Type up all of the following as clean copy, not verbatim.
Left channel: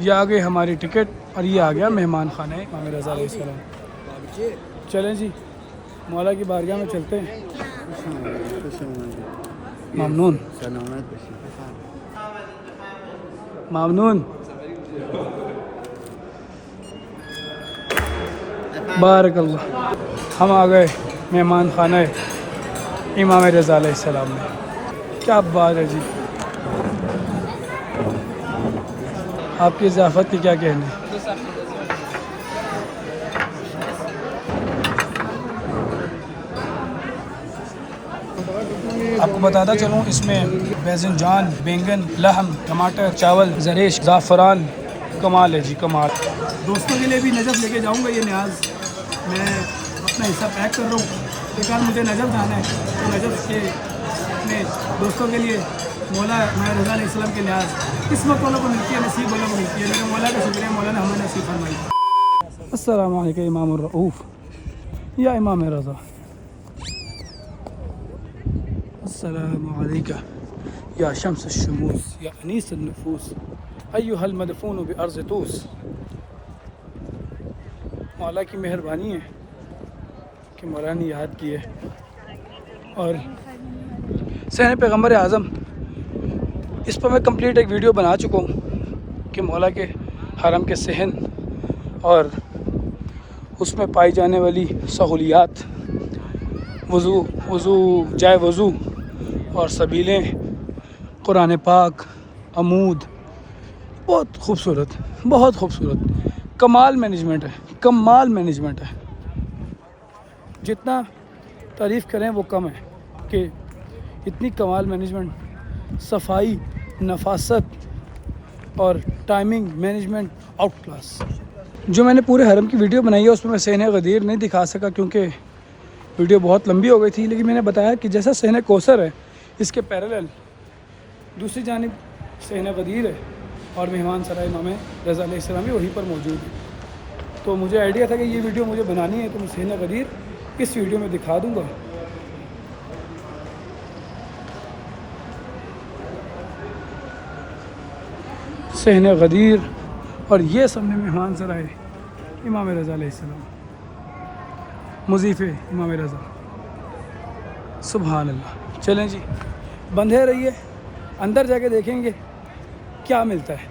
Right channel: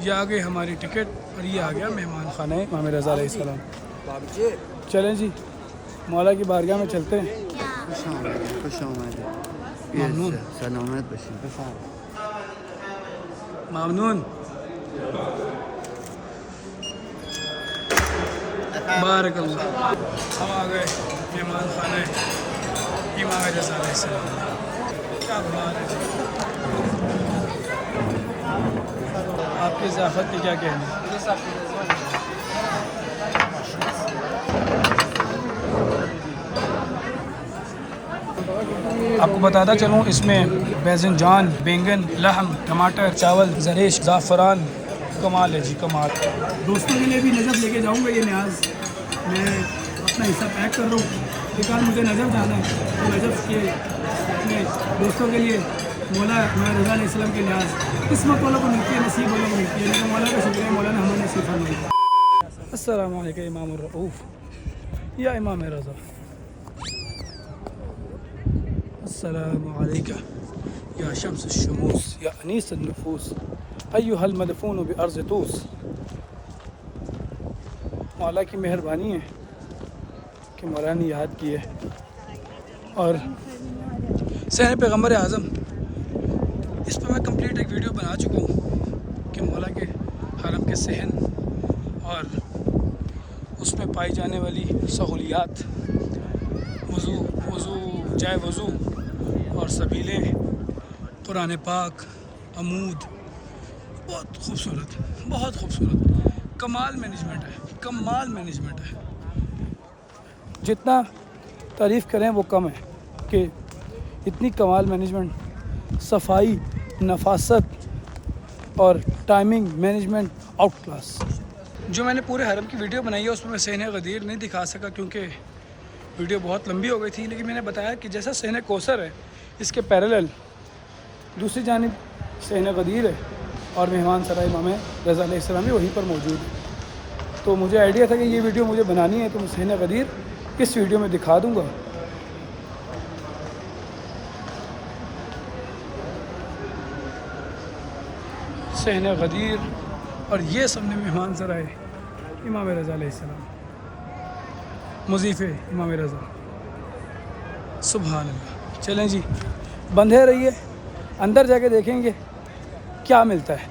یہ آ گئی ہماری ٹکٹ اور یہ آ گیا مہمان خانہ امام رضا علیہ السلام. چلیں جی مولا کی بارگاہ میں چلتے ہیں. ممنون ممنون. بارک اللہ. ہم آ گئے مہمان خانہ امام رضا علیہ السلام میں. کیا بات ہے جی. آپ کی ضیافت کی کیا کہنا ہے؟ آپ کو بتاتا چلوں اس میں بیزن جان، بینگن، لحم، ٹماٹر، چاول، زریش، زعفران. کمال ہے جی کمال. دوستوں کے لیے بھی نجف لے کے جاؤں گا. یہ نیاز میں اپنا حصہ پیک کر رہا ہوں. ایک بار مجھے نجف جانا ہے تو نجف کے اپنے دوستوں کے لیے مولا امام رضا علیہ السلام کے نیاز قسمت والوں کو ملتی ہے، نصیب والوں کو ملتی ہے. لیکن مولا کا شکریہ، مولا نے ہمیں نصیب فرمائی. السلام علیکم امام الرؤوف یا امام رضا. السلام علیکم یا شمس الشموس یا انیس النفوس ایھا المدفون بارض طوس. مولا کی مہربانی ہے کہ مولا نے یاد کی ہے. اور صحن پیغمبر اعظم اس پر میں کمپلیٹ ایک ویڈیو بنا چکا ہوں کہ مولا کے حرم کے صحن اور اس میں پائی جانے والی سہولیات، وضو جائے وضو اور سبیلیں، قرآن پاک، عمود. بہت خوبصورت، بہت خوبصورت. کمال مینجمنٹ ہے، کمال مینجمنٹ ہے. جتنا تعریف کریں وہ کم ہے کہ اتنی کمال مینجمنٹ، صفائی، نفاست اور ٹائمنگ مینجمنٹ آؤٹ کلاس. جو میں نے پورے حرم کی ویڈیو بنائی ہے اس میں صحن غدیر نہیں دکھا سکا کیونکہ ویڈیو بہت لمبی ہو گئی تھی. لیکن میں نے بتایا کہ جیسا صحن کوثر ہے اس کے پیرالل دوسری جانب صحن غدیر ہے اور مہمان سرائے امام رضا علیہ السلام بھی وہیں پر موجود ہے. تو مجھے آئیڈیا تھا کہ یہ ویڈیو مجھے بنانی ہے تو میں صحن غدیر اس ویڈیو میں دکھا دوں گا. صحن غدیر اور یہ سامنے مہمان سرائے امام رضا علیہ السلام، مضیف امام رضا. سبحان اللہ. چلیں جی بندھے رہیے، اندر جا کے دیکھیں گے کیا ملتا ہے.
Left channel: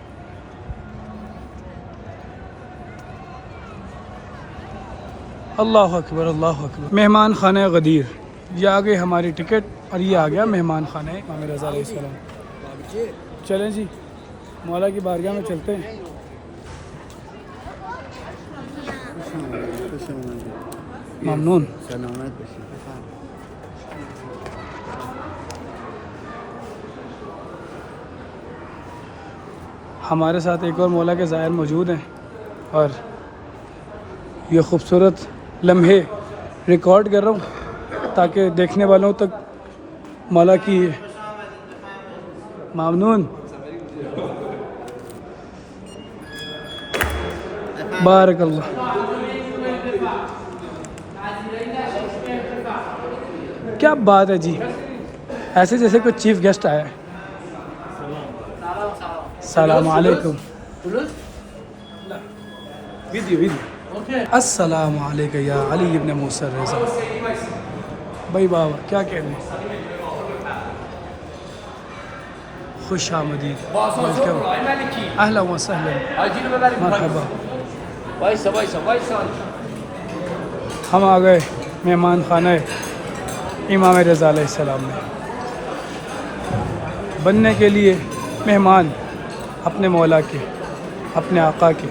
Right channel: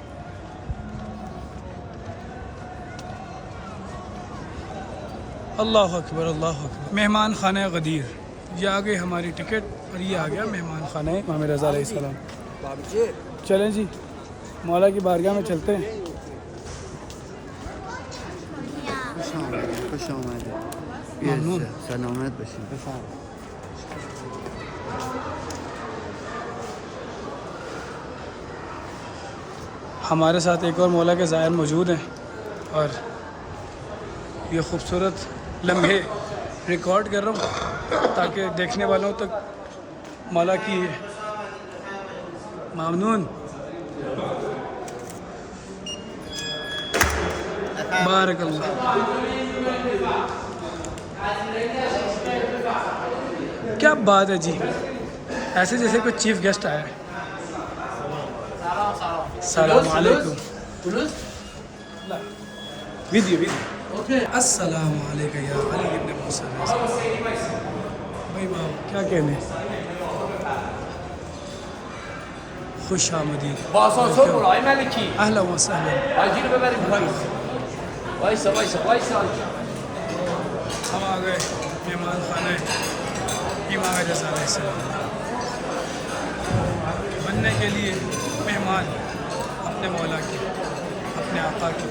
اللہ اکبر اللہ اکبر. مہمان خانہ غدیر. یہ آ گئی ہماری ٹکٹ اور یہ آ گیا مہمان خانہ امام رضا علیہ السلام. چلیں جی مولا کی بارگاہ میں چلتے ہیں. ممنون. ہمارے ساتھ ایک اور مولا کے زائر موجود ہیں اور یہ خوبصورت لمحے ریکارڈ کر رہا ہوں تاکہ دیکھنے والوں تک مولا کی. ممنون. بارک اللہ. کیا بات ہے جی، ایسے جیسے کوئی چیف گیسٹ آیا ہے. السلام علیکم. ویڈیو. السلام علیکم یا علی ابن موسیٰ رضا. بھائی بابا کیا کہنے. خوش آمدید. اہلا و سہلا. مرحبا. ہم آ گئے مہمان خانہ امام رضا علیہ السلام میں. بننے کے لیے مہمان اپنے مولا کی، اپنے آقا کی.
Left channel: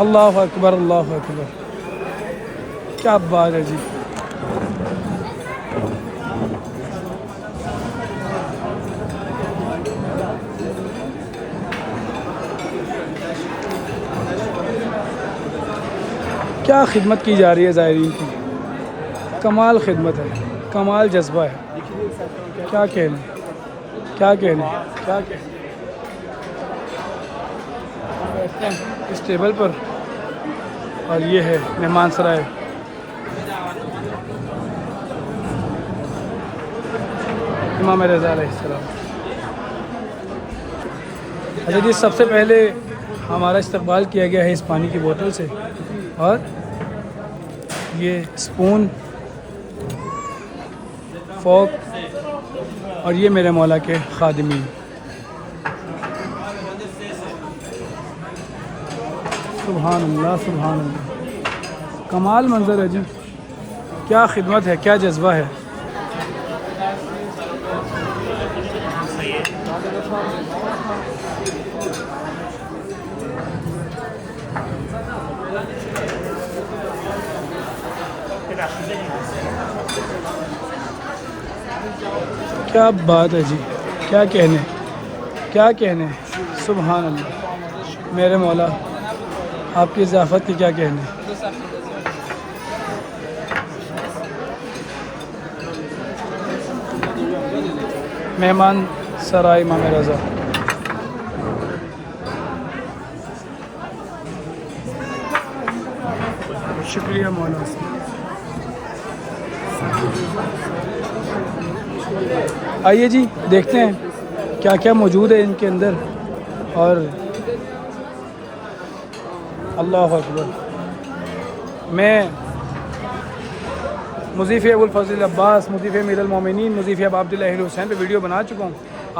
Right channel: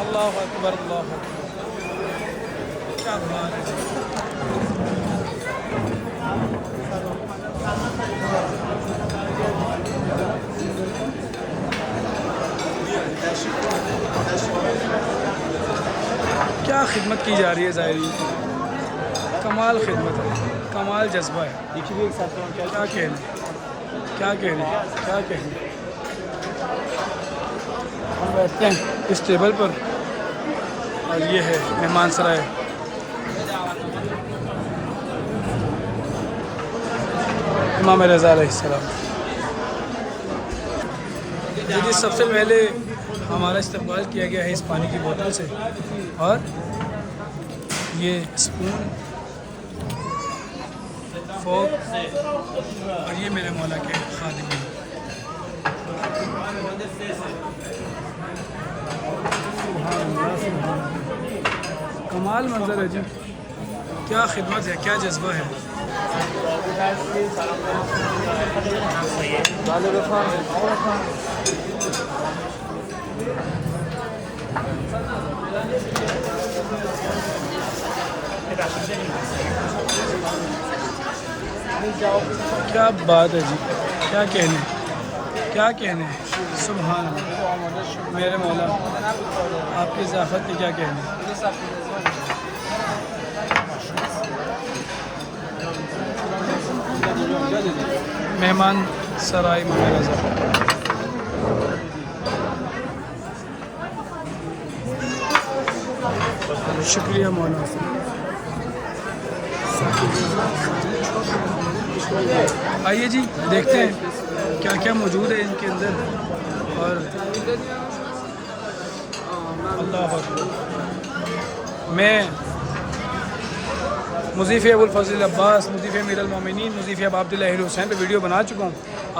اللہ اکبر اللہ اکبر. کیا بات ہے جی. کیا خدمت کی جا رہی ہے زائرین کی. کمال خدمت ہے، کمال جذبہ ہے. کیا کہنے کیا کہنے کیا کہنے. ہم بیٹھتے ہیں اس ٹیبل پر اور یہ ہے مہمان سرائے امام رضا علیہ السلام. حضرت سب سے پہلے ہمارا استقبال کیا گیا ہے اس پانی کی بوتل سے، اور یہ اسپون، فوک، اور یہ میرے مولا کے خادمین۔ سبحان اللہ سبحان اللہ، کمال منظر ہے جی، کیا خدمت ہے، کیا جذبہ ہے۔ کیا بات ہے جی، کیا کہنے، کیا کہنے، سبحان اللہ، میرے مولا آپ کی ضیافت کی کیا کہنے۔ مہمان سرائے امام رضا، شکریہ مولا۔ آئیے جی دیکھتے ہیں کیا کیا موجود ہے ان کے اندر، اور اللہ اکبر۔ میں مضیف ابو الفضل عباس، مضیف امیر المومنین، مضیف ابا عبداللہ اہل حسین پہ ویڈیو بنا چکا ہوں۔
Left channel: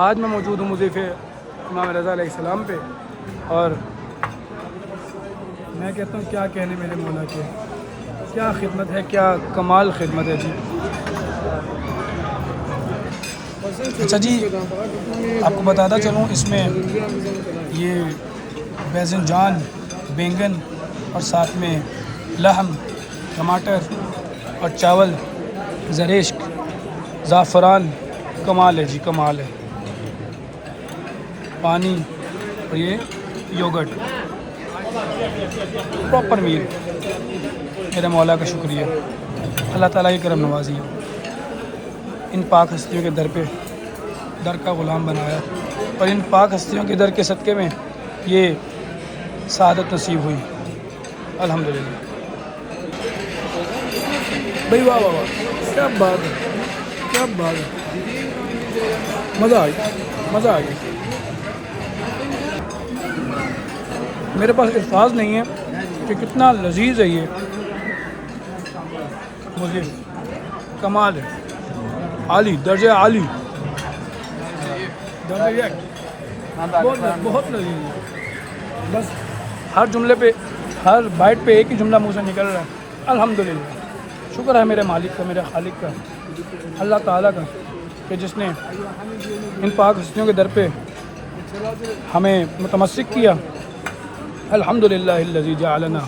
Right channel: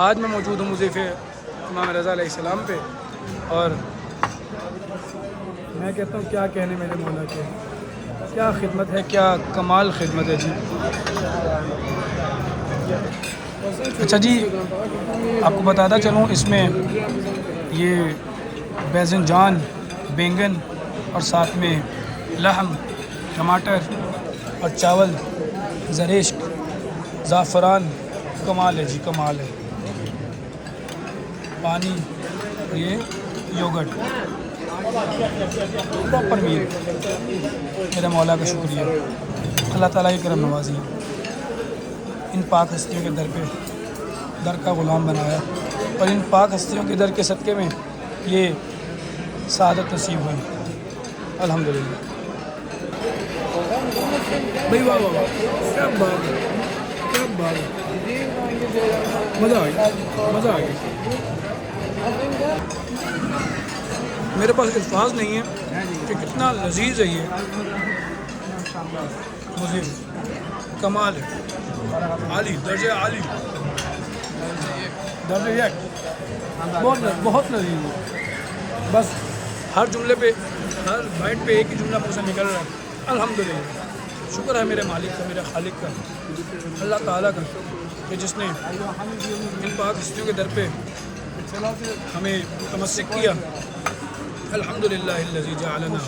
آج میں موجود ہوں مضیف امام رضا علیہ السلام پہ، اور میں کہتا ہوں کیا کہنے میرے مولا کے، کیا خدمت ہے، کیا کمال خدمت ہے جی۔ اچھا جی، آپ کو بتاتا چلوں، اس میں یہ بیزنجان، بینگن، اور ساتھ میں لحم، ٹماٹر اور چاول، زریشک، زعفران، کمال ہے جی، کمال ہے۔ پانی اور یہ یوگرٹ، پراپر میل۔ میرے مولا کا شکریہ، اللہ تعالیٰ کی کرم نوازی ہے، ان پاک ہستیوں کے در کا غلام بنایا، اور ان پاک ہستیوں کے در کے صدقے میں یہ سعادت نصیب ہوئی، الحمدللہ۔ بھائی واہ واہ واہ، کیا بات ہے، کیا بات ہے، مزہ آ گیا، مزہ آ گیا۔ میرے پاس الفاظ نہیں ہے کہ کتنا لذیذ ہے یہ، مزید کمال ہے، عالی، درجہ عالی، درجہ یک، بہت لذیذ ہے۔ بس ہر جملے پہ، ہر بائٹ پہ ایک ہی جملہ منہ سے نکل رہا ہے، الحمدللہ۔ شکر ہے میرے مالک کا، میرے خالق کا، اللہ تعالیٰ کا، کہ جس نے ان پاک ہستیوں کے در پہ ہمیں متمسک کیا۔ الحمدللہ الذی جعلنا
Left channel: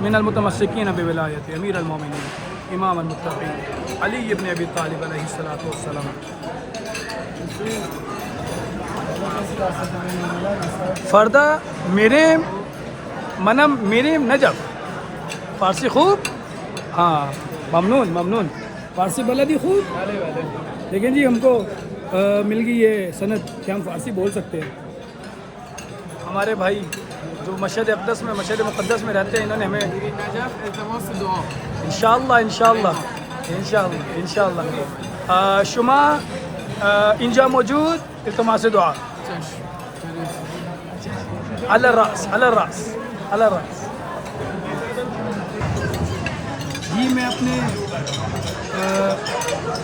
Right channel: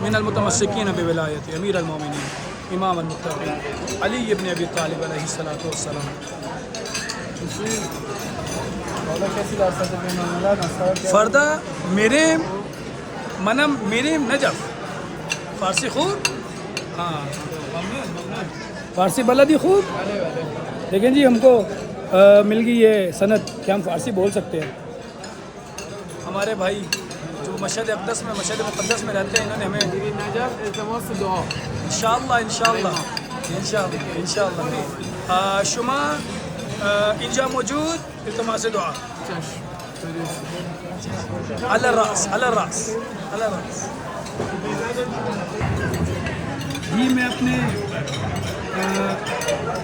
من المتمسکین بولایت امیر المومنین امام المتقین علی ابن ابی طالب علیہ الصلوۃ والسلام۔ فردہ میرے منم میرے نجف، فارسی خوب، ہاں ممنون ممنون، فارسی بلدی خوب۔ لیکن جی ہم کو مل گئی یہ سند کہ ہم فارسی بول سکتے ہیں۔ ہمارے بھائی جو مشہد اقدس میں، مشہد مقدس میں رہتے ہیں، انہوں نے ہمیں انشاءاللہ انشاءاللہ انشاءاللہ انشاءاللہ شما اینجا موجود التماس دعا، علی الراس علی الراس علی الراس۔ جی میں اپنے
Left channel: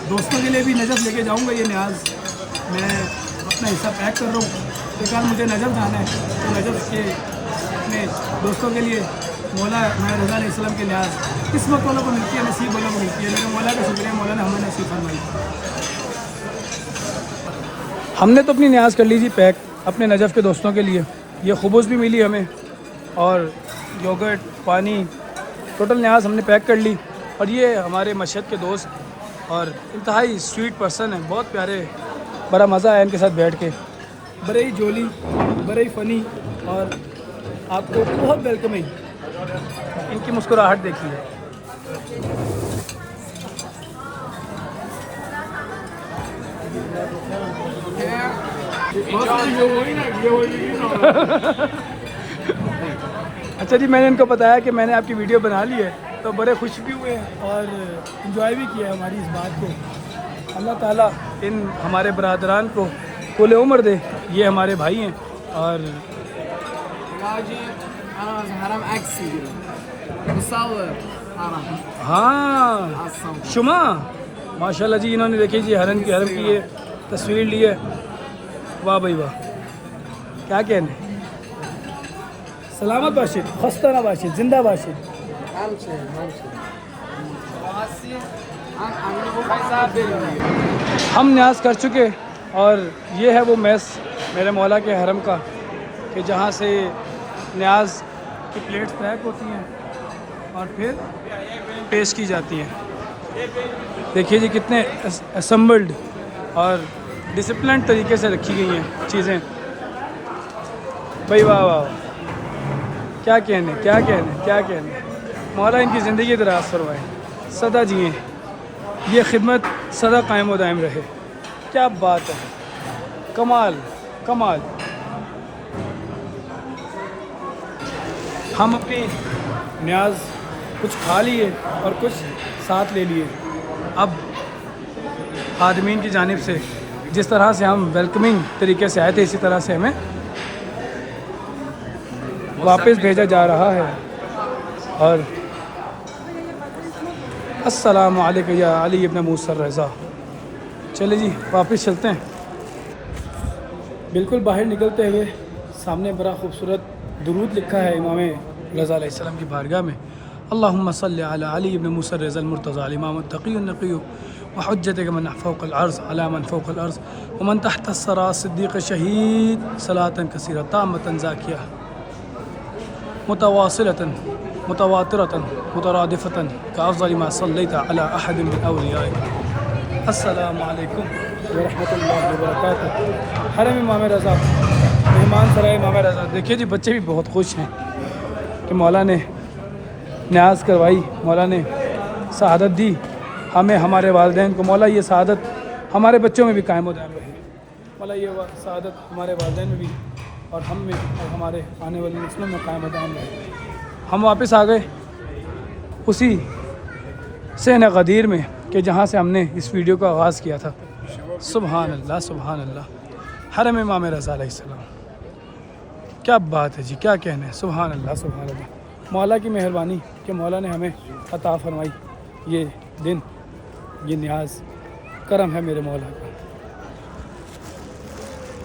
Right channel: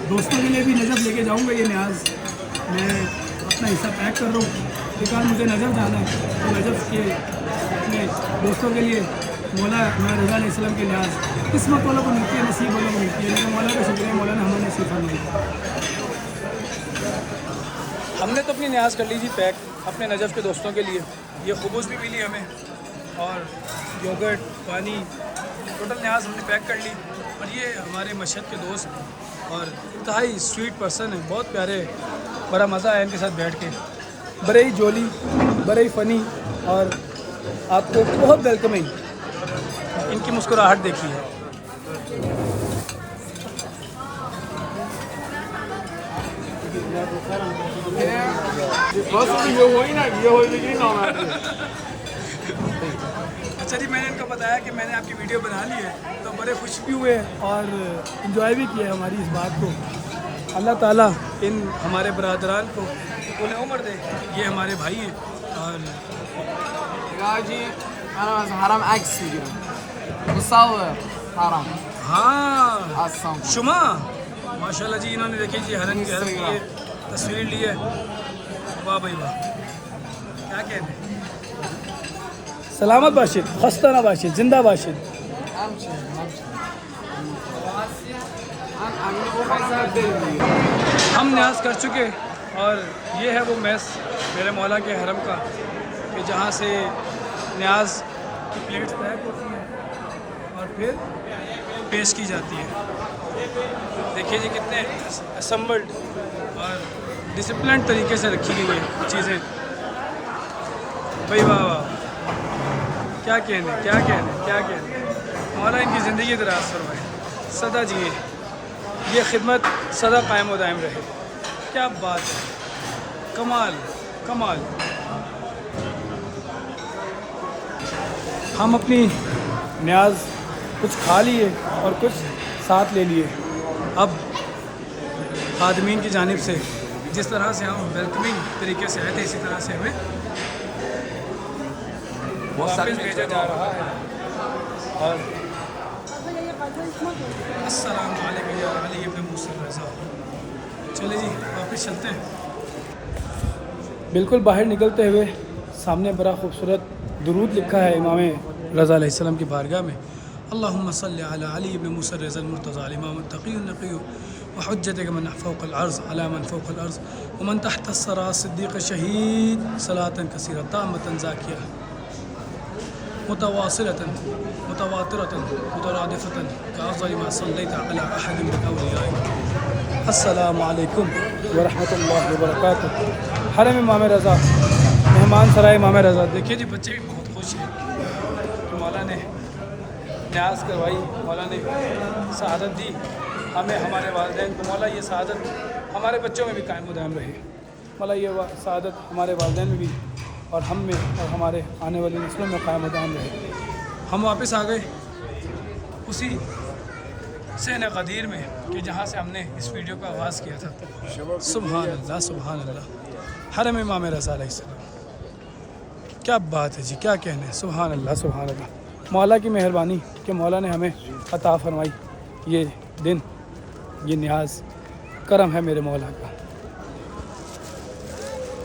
دوستوں کے لیے بھی نجف لے کے جاؤں گا، یہ نیاز میں اپنا حصہ پیک کر رہا ہوں کہ کل مجھے نجف جانا ہے، تو نجف کے اپنے دوستوں کے لیے مولا رضا علیہ السلام کے لحاظ قسمت والوں کو ملتی ہے، نصیب والوں کو ملتی ہے، لیکن مولا کا شکریہ، مولا نے ہمیں نصیب فرمائی۔ ہم نے تو اپنی نیاز کر لی جی پیک اپنے نجف کے دوستوں کے لیے، یہ خبوز بھی ملی ہمیں، اور یوگرٹ، پانی، ٹوٹل نیاز ہم نے پیک کر لی۔ اور یہ ہمارے مشہد کے دوست اور انتہائی سویٹ پرسن ہیں، بہت پیارے، بڑا مزہ آیا ان کے ساتھ بیٹھ کے، بڑے ہی جولی، بڑے ہی فنی، اور آپ کو بہت ویلکمنگ، ان کی مسکراہٹ دیکھیے۔ اچھا جی، میں نے ان کو بتایا کہ میں نے آپ کی ویڈیو بنا لی ہے، تو بڑے خوش بھی ہوئے اور انجوائے بھی کیا ہماری اس بات کو۔ اللہ تعالیٰ ان ہمارے برادران کو طول عمر دے، یہ ہمارے بھائی ہیں اور واجي انا حرام عكس بيصور حرام ہاں الصوت شما ماشاء اللہ جی، انہوں نے دیکھیے جی حرم کی یہ تصویر لی ہے. واہ بھائی واہ، کیا کہنے. سلامت باشد، خستہ نہ باشد، زندہ باشد. امشي عم بوفر بدل ہم نیاز کر چکے اور یہ ہے وہ میس میرے مولا کے حرم کا کہ جہاں سے نیاز کی پلیٹس پیک ہوتی ہیں اور پھر پیش کی جاتی ہیں. دیکھیے جی کتنے اسمبلڈ اور ڈسپلنڈ طریقے سے رکھی گئی ہیں چیزیں. بھائی واہ واہ، کیا کہنے کیا کہنے کیا کہنے. مولا ان کی زندگی دراز فرمائے، سدا جی یہ خدمت سدا قائم و دائم رہے. کیا بات ہے، کمال کمال. ہم اپنی نیاز کچھ کھا لیے اور کچھ ساتھ لے لیے. اب خادمین کی جانب سے جس طرح سے ہم ویلکمنگ طریقے سے آئے تھے اسی طرح سے ہمیں واپس بھیجا جا رہا ہے. اور السلام علیکم یا علی ابن موسیٰ الرضا. چلے جی واپس چلتے ہیں. بالکل باہر نکلتے ہوئے سامنے بڑا خوبصورت درود لکھا ہے امام رضا علیہ السلام کی بارگاہ میں. اللہم صلی علی علی ابن موسیٰ الرضا المرتضی الامام التقی النقی وحجتک من فوق الارض علی من فوق الارض ومن تحت الثری صدیق شہید صلاۃ کثیرہ تامۃ زاکیہ متواصلة متواترة مترادفة كأفضل ما صليت على أحد من أوليائك. السلام علیکم ورحمۃ اللہ وبرکاتہ. حرم امام رضا، مہمان سرائے امام رضا. دیکھیے جی بچے بھی بہت خوش ہیں کہ مولا نے نیاز کروائی، مولا نے سعادت دی ہمیں ہمارے والدین کو. مولا یہ سعادت ہمارے بچوں میں بھی قائم و دائم رہے. مولا یہ سعادت ہمارے والدین میں بھی اور ہم میں اور ہمارے آنے والی نسلوں میں قائم و دائم رہے. ہم واپس آ گئے اسی صحن غدیر میں کہ جہاں سے ہم نے اس ویڈیو کا آغاز کیا تھا. سبحان اللہ سبحان اللہ. حرم امام رضا علیہ السلام، کیا بات ہے جی، کیا کہنے. سبحان اللہ سبحان اللہ. مولا کی مہربانی کہ مولا نے ہمیں عطا فرمائی یہ دن، یہ نیاز کرم ہے میرے مولا کا.